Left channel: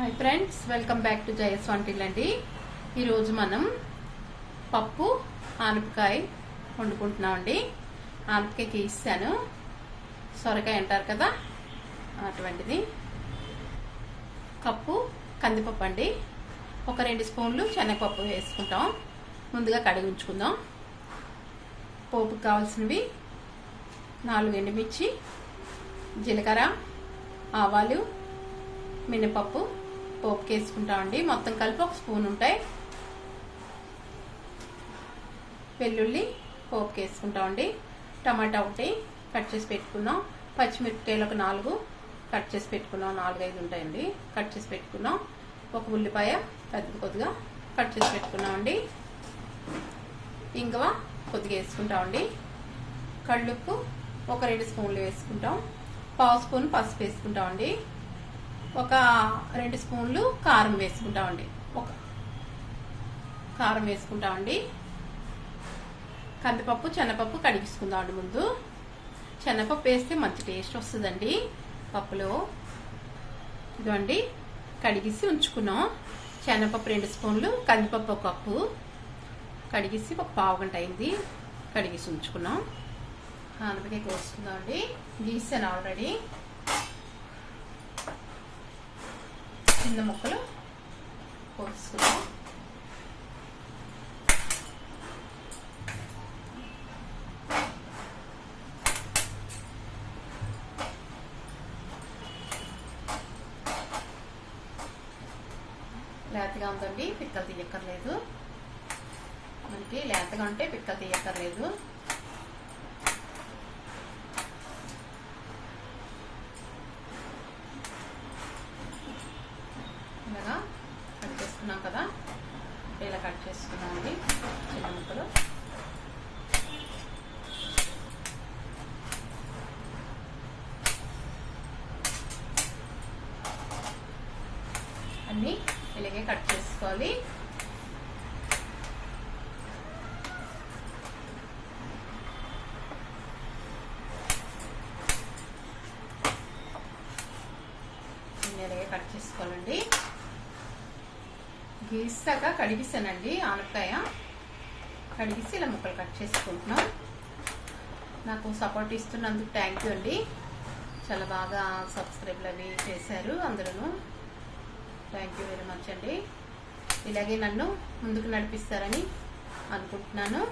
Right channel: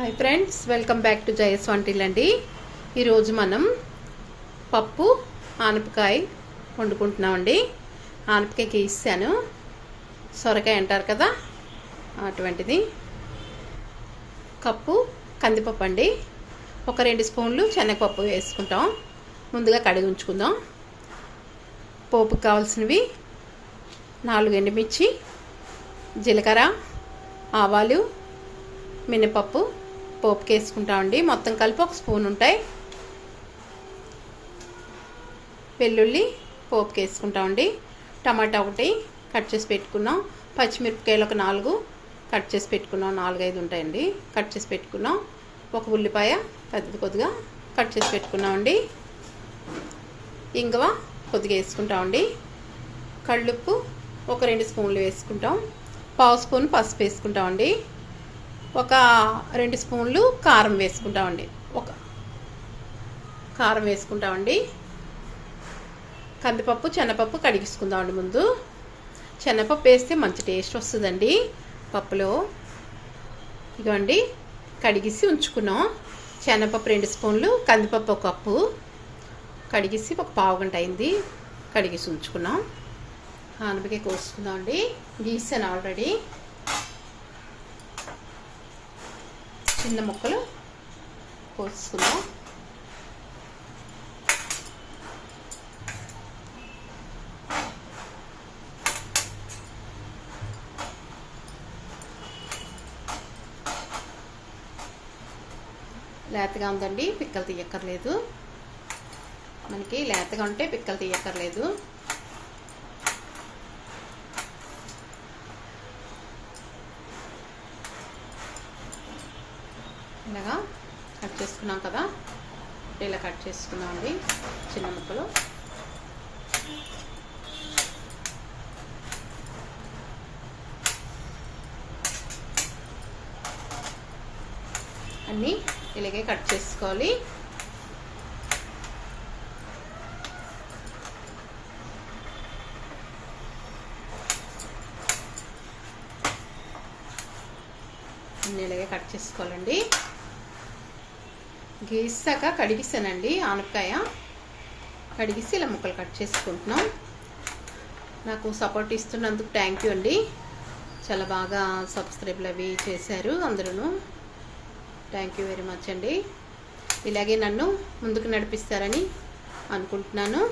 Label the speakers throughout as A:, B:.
A: Hi friends welcome back to జయస్ వంటిల్ అండి ఈరోజు మనం పప్పు ఆనపకాయ వండుకుంటున్నామండి. ఆనపకాయకి ఇస్తాను సొరకాయ అంటారు కదా అటువంటిది. కప్పు కందిపప్పు అండి. ఒక రెండు స్పూన్లు శనగపప్పు వేసుకుంటాం. ముందుగా కడిగి ఉంచుకుందాం. పోపుకి కావాల్సినవి నాలుగు ఎండుమిర్చి జీలకర్ర ఆవాలు మినపప్పు పోపుకి వేసుకుంటామండి మొత్తం కలిపి ఒక స్పూన్ ఉంటాయి. వెల్లుల్లి పోపుకి వేసుకుంటామండి టమాటా ఒకటి కట్ చేసి పెట్టుకున్నాం. పచ్చిమిరపకాయలు ఒక నాలుగు కట్ చేసి పెట్టుకున్నాం. నాలుగు ఐదు ఉంటాయండి. కట్ చేసి పెట్టుకున్నాం. ఒక ఉల్లిపాయ పెద్ద కొద్దిగా కట్ చేసి పెట్టుకున్నామండి ఇంగవ కొద్దిగా వేసుకుంటామండి కళ్ళుప్పు ఒక రెండు స్పూన్లు వేసుకుంటాం. పావు స్పూన్ పసుపు వేసుకుంటామండి ఒక రెండు స్పూన్లు కారం వేసుకుంటామండి. ఒక కారం వేసుకుంటామండి. కందిపప్పు శనగపప్పు కడిగించుకుందామండి ముందు. శనగపప్పు వేస్తే మంచి టేస్ట్ వస్తుందండి. పప్పులో ఇదిగోండి కడిగిసి ఉంచుకున్నాం. శనగపప్పు రెండు స్పూన్లు కందిపప్పు ఒక కప్పు. కడిగిసి ఒక పావు గంట అయింది. కడిగిసి ఉంచుకున్నాం. ఆనపకాయ కోసుకుందాం అండి గీసాను ఆల్రెడీ. చిన్న ముక్కలు కోసుకుందాం. లేతగా ఉందండి పిక్కలు తీయక్కర్లేదు. మనకి లేతగా ఉంటే పిక్కలు తీయక్కర్లేదు ఇలాగా కట్ చేసుకున్నాం కదా ఇలా కట్ చేసుకున్నాం అండి చిన్న ముక్కలు. అన్నీ ఇలాగే కట్ చేసుకోవాలి. అన్నీ ఇలాగే కట్ చేసుకోవాలండి. గీసాక కడిగిస్తానండి ఆనపకాయ. కడిగిసి ఇలా ముక్కలు కట్ చేసుకుంటున్నాం. నాకు సపోర్ట్ ఇస్తున్నందుకు థ్యాంక్ యూ అండి. చాలా బాగా సబ్స్క్రైబ్లు అవి చేశారు అందరూ థ్యాంక్ యూ వెరీ మచ్ అండి. ఇలాగే నన్ను ముందుకు నడిపిస్తారని అనుకుంటున్నాను.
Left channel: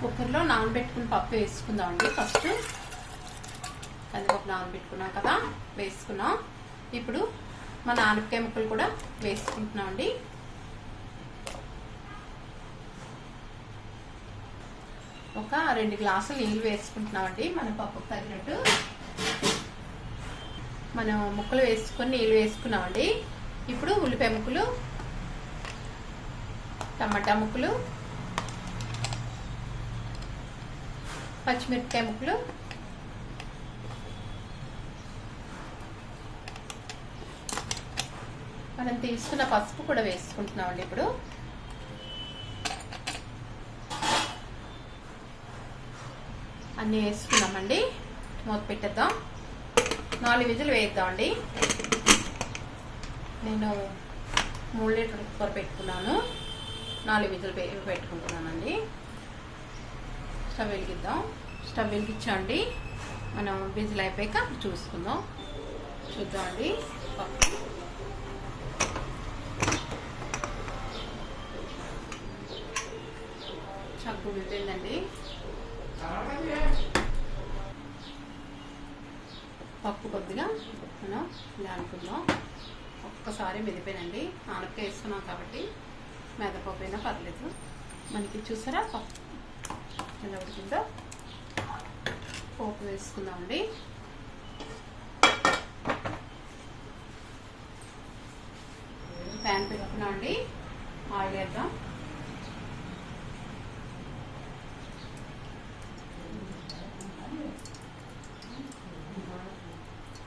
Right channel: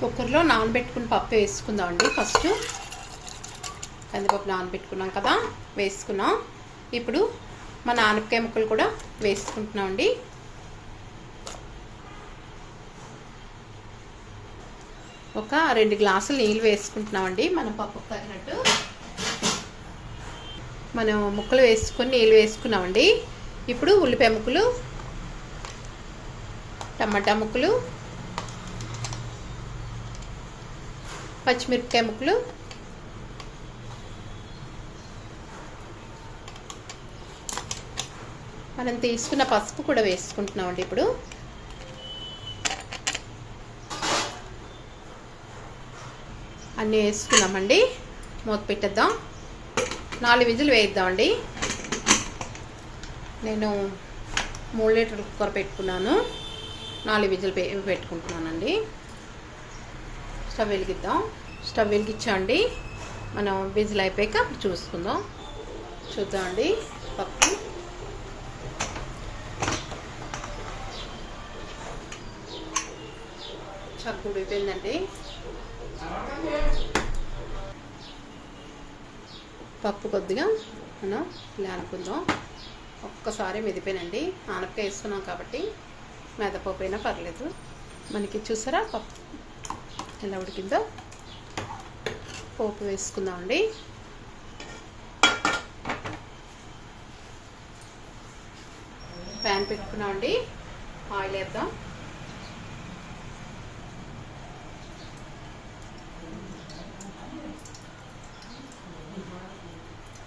A: కుక్కర్లో నానబెట్టుకుని పప్పు వేసుకుందామండి ఫస్ట్. కందిపప్పు నానబెట్టుకున్నాం కదా వేసుకున్నాం. ఇప్పుడు మన ఆనపకాయ ముక్కలు కూడా వేసుకుంటున్నామండి. ఒక రెండు గ్లాసులు నీళ్ళు వేసుకుంటున్నామండి మన పప్పు తగినట్టు మనం ముక్కలు వేసుకొని నీళ్ళు వేసుకున్నామండి. ఇప్పుడు ఉల్లిపాయ ముక్కలు టమాటా ముక్కలు పచ్చిమిరపకాయ ముక్కలు మనం తీసుకున్న పసుపు కూడా వేసుకుంటున్నామండి ఇప్పుడు. అన్నీ వేసుకున్నామండి. మూత పెట్టేద్దాం. నాలుగు విజులు వేద్దామండి నేను మూడు లీటర్ల కుక్కర్ పెట్టుకున్నాను. నాలుగు విజులు పెట్టుకుంటున్నానండి. స్టవ్ వెలిగిద్దాం. స్టవ్ వెలిగించండి. మనం విజిల్ అయిపోయాక చూసుకుందాం. చూద్దామండి. పప్పు చక్కు ఉడిపోయిందండి పప్పు కొద్దిగా మనం ఇలా అనుకుందాం. ఒక్కసారి మెదిపోయినండి. ఆనపకాయ వేసుకున్నాం కాబట్టి మెదపప్పు అయినా పర్లేదు. మనకి చూసారా పప్పు ఎలా ఉడికిందో? పోపు వేసుకుందామండి. ప్యాన్ పెట్టుకున్నామండి. ఆయిల్ వేద్దాం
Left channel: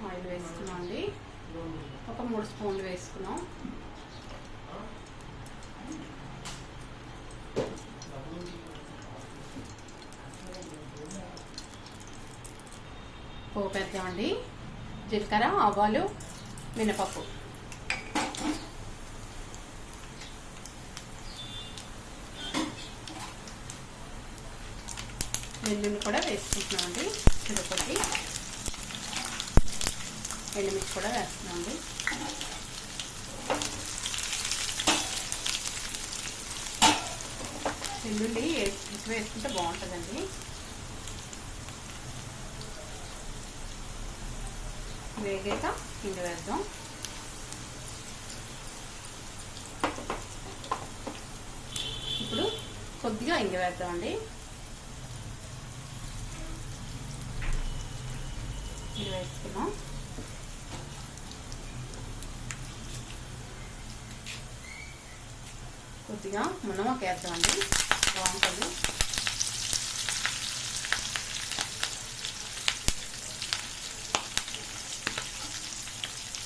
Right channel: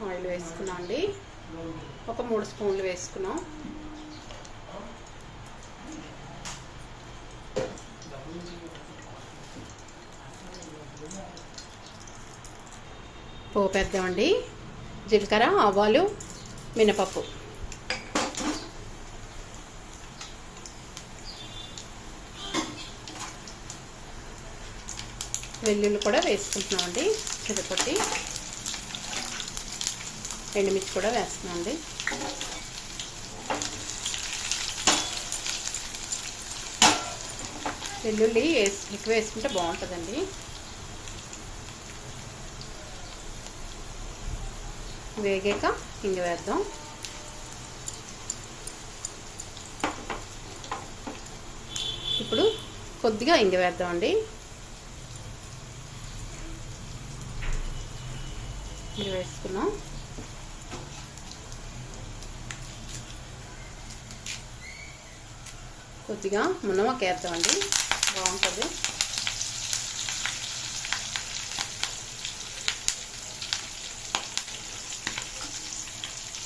A: ఆయిల్ వేసుకున్నాం అండి ఒక మూడు స్పూన్లు వేసుకున్నాం. పోపేద్దామండి. జీలకర్ర ఆవాలు మినపప్పు. వెల్లుల్లి కూడా వేసుకుంటున్నామండి. చిరపొట్టి ఎండుమిర్చి కూడా వేస్తున్నామండి వెల్లుల్లి వేసి ఎక్కువ వేసుకుంటే బాగుంటుందండి. వేగాక ఇంగ వేద్దాం. ఇప్పుడు కొద్దిగా ఇంగ వేద్దామండి. ఇది వేసుకున్నాం. కొద్దిగా మునమక వేద్దామండి. బాగుంటుంది.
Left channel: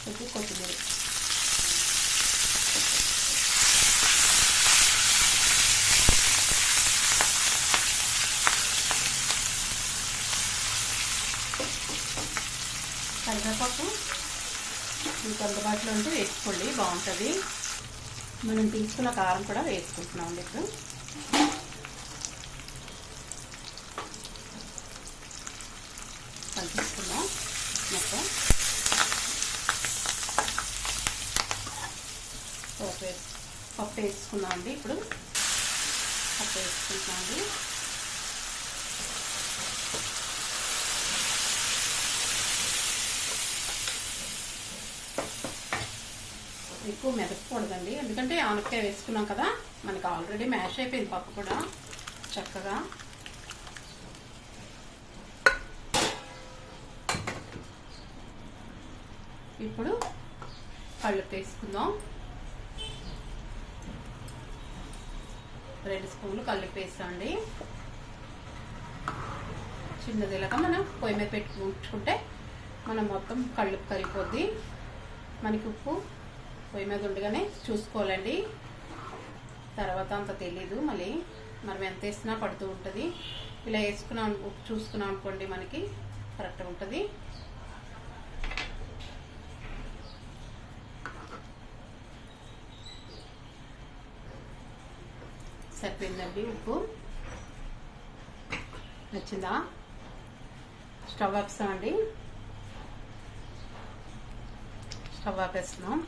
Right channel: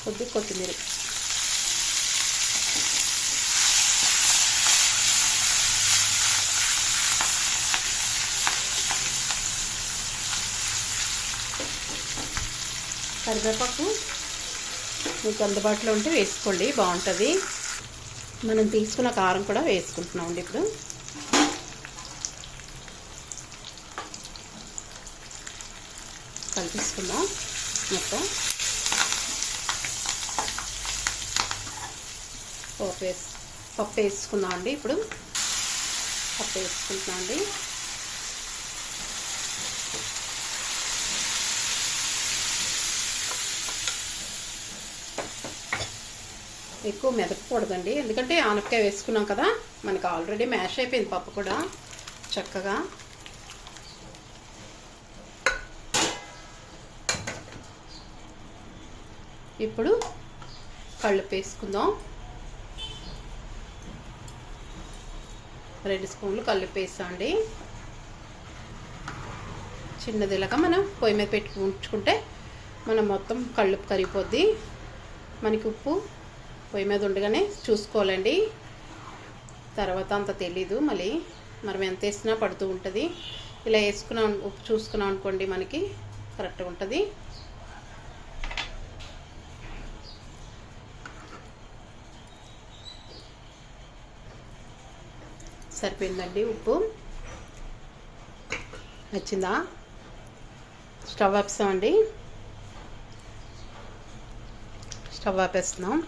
A: కొద్ది కొత్తిమీర. కరివేపాకు మీకు అందుబాటులో ఉంటే వేసుకోండి బాగుంటుంది. మనం తీసుకున్న కారం కూడా వేసుకుంటున్నామండి ఇప్పుడు. కలిపిస్తున్నాం మొత్తం. పప్పు వేసు పప్పు వేసుకున్నాం అండి ఇప్పుడు. పప్పు వేసుకుంటున్నాం అండి. ఎక్కువ మెదకూడదండి ఎందుకంటే ఆనపకాయ వేసుకున్నాం కదా మనకి ఆల్రెడీ మ్యాష్ అయిపోయింది పప్పు కూడా చక్కగా. ఇప్పుడు కళ్ళు వేసుకుందాం. రెండు స్పూన్లు కళ్ళు వేసామండి చిన్నదిలాగా మనం పొయ్యి మీద పెట్టుకుంటే ఉంచుకుంటే మనం మొత్తం కళ్ళు కరిగిపోద్ది. మనకి ఉప్పు పొయ్యి మీద ఉండగానే చూసుకోవాలండి. తర్వాత అంత తెలీదు మళ్ళీ. మనం ఎంత వేసినా పడుతూ ఉంటుంది. ఇలా వేసుకున్నాం ఉప్పు చూసుకున్నాం అనుకోండి మనకి కరెక్ట్గా ఉంటుంది. సరిపోయిందండి ఉప్పు. నచ్చిందా? స్టవ్ ఆపిస్తామండి. స్టవ్ ఆపేస్తున్నాం.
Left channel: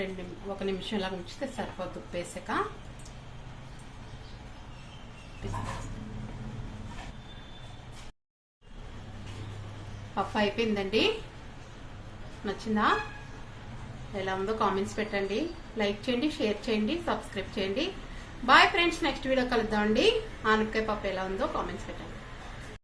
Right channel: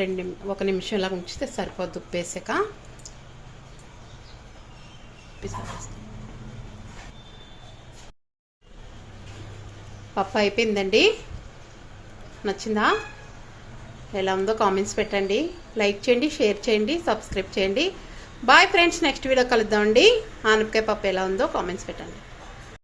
A: రెండు ఒక నిమిషం ఇలా ఉంచితే సరిపోద్ది ఉప్పేసాక. పప్పు అయిపోయిందండి. నచ్చిందా? ఎలా ఉందో కామెంట్స్ పెట్టండి. లైక్ చేయండి షేర్ చేయండి సబ్స్క్రైబ్ చేయండి. బాయ్ ఫ్రెండ్స్ నెక్స్ట్ వీడియో కలుద్దామండి. ఆనపకాయ పప్పు ఎలా ఉందో కామెంట్స్ పెట్టండి.